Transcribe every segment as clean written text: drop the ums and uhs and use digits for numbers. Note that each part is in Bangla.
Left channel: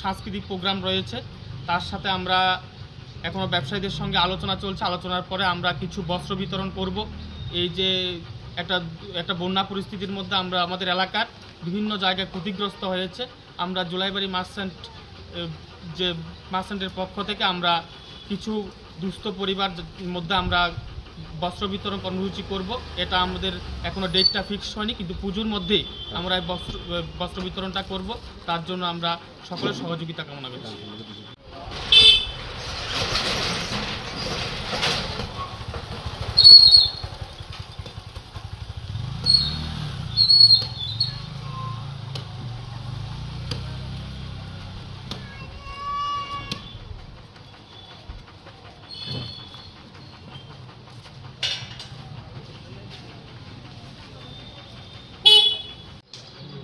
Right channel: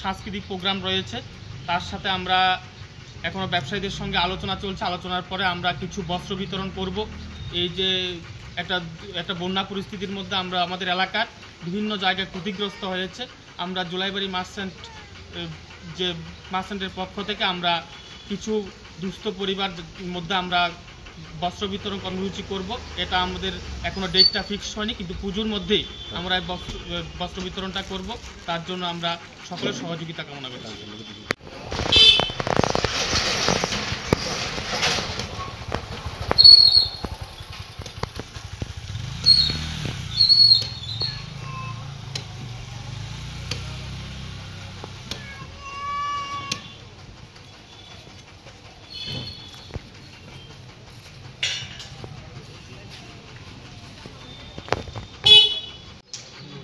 সাংস্কৃতিক প্রোগ্রাম রয়েছে, তার সাথে আমরা এখনো ব্যবসায়ীদের সঙ্গে আলোচনা চলছে। আলোচনার পরে আমরা কিছু বস্ত্র বিতরণ করব। এই যে একটা বন্যা পরিস্থিতির মধ্যে আমরা আমাদের এলাকার বিভিন্ন জায়গায় ক্ষতিগ্রস্ত হয়েছে, আমরা জুলাইবাড়ি মার্চেন্টের পক্ষ থেকে আমরা কিছু দুস্থ পরিবার মধ্যে আমরা বস্ত্র বিতরণ কর্মসূচি করব। এটা আমাদের এখনো ডেটটা ফিক্সড হয়নি, কিন্তু পুজোর মধ্যেই আমরা বস্ত্র বিতরণটা করব। তার জন্য আমরা সকলের সহযোগিতা কামনা করছি।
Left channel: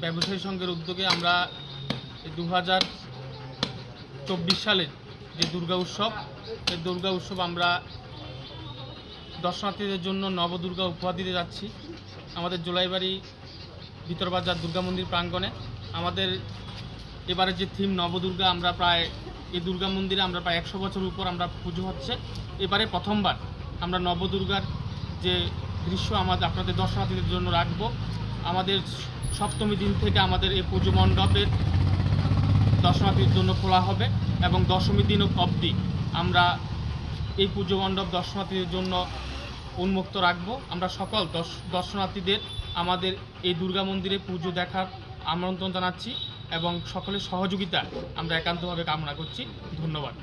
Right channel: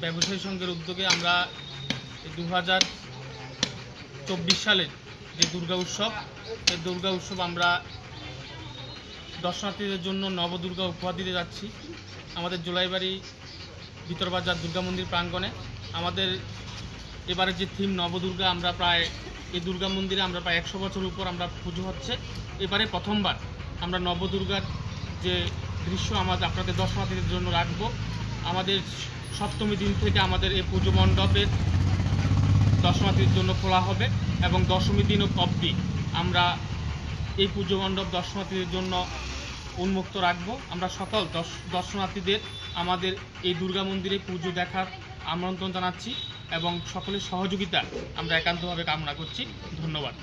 ব্যবসায়ী সংঘের উদ্যোগে আমরা 2024 সালের যে দুর্গা উৎসব, এই দুর্গা উৎসব আমরা দর্শনার্থীদের জন্য নবদুর্গা উপহার দিতে যাচ্ছি। আমাদের জুলাইবাড়ি ভিতরবাজার দুর্গা মন্দির প্রাঙ্গণে আমাদের এবারে যে থিম নবদুর্গা, আমরা প্রায় এই দুর্গা মন্দিরে আমরা প্রায় 100 বছর উপর আমরা পুজো হচ্ছে। এবারে প্রথমবার আমরা নবদুর্গার যে দৃশ্য আপনাদের দর্শনার্থীদের জন্য রাখব। আমাদের সপ্তমী দিন থেকে আমাদের এই পুজো মণ্ডপের দর্শনার্থীদের জন্য খোলা হবে এবং দশমী দিন অবধি আমরা এই পুজো মণ্ডপ দর্শনার্থীদের জন্য উন্মুক্ত রাখব। আমরা সকল দর্শনার্থীদের আমাদের এই দুর্গা মন্দিরে পুজো দেখার আমন্ত্রণ জানাচ্ছি এবং সকলের সহযোগিতা আমরা একান্তভাবে কামনা করছি। ধন্যবাদ।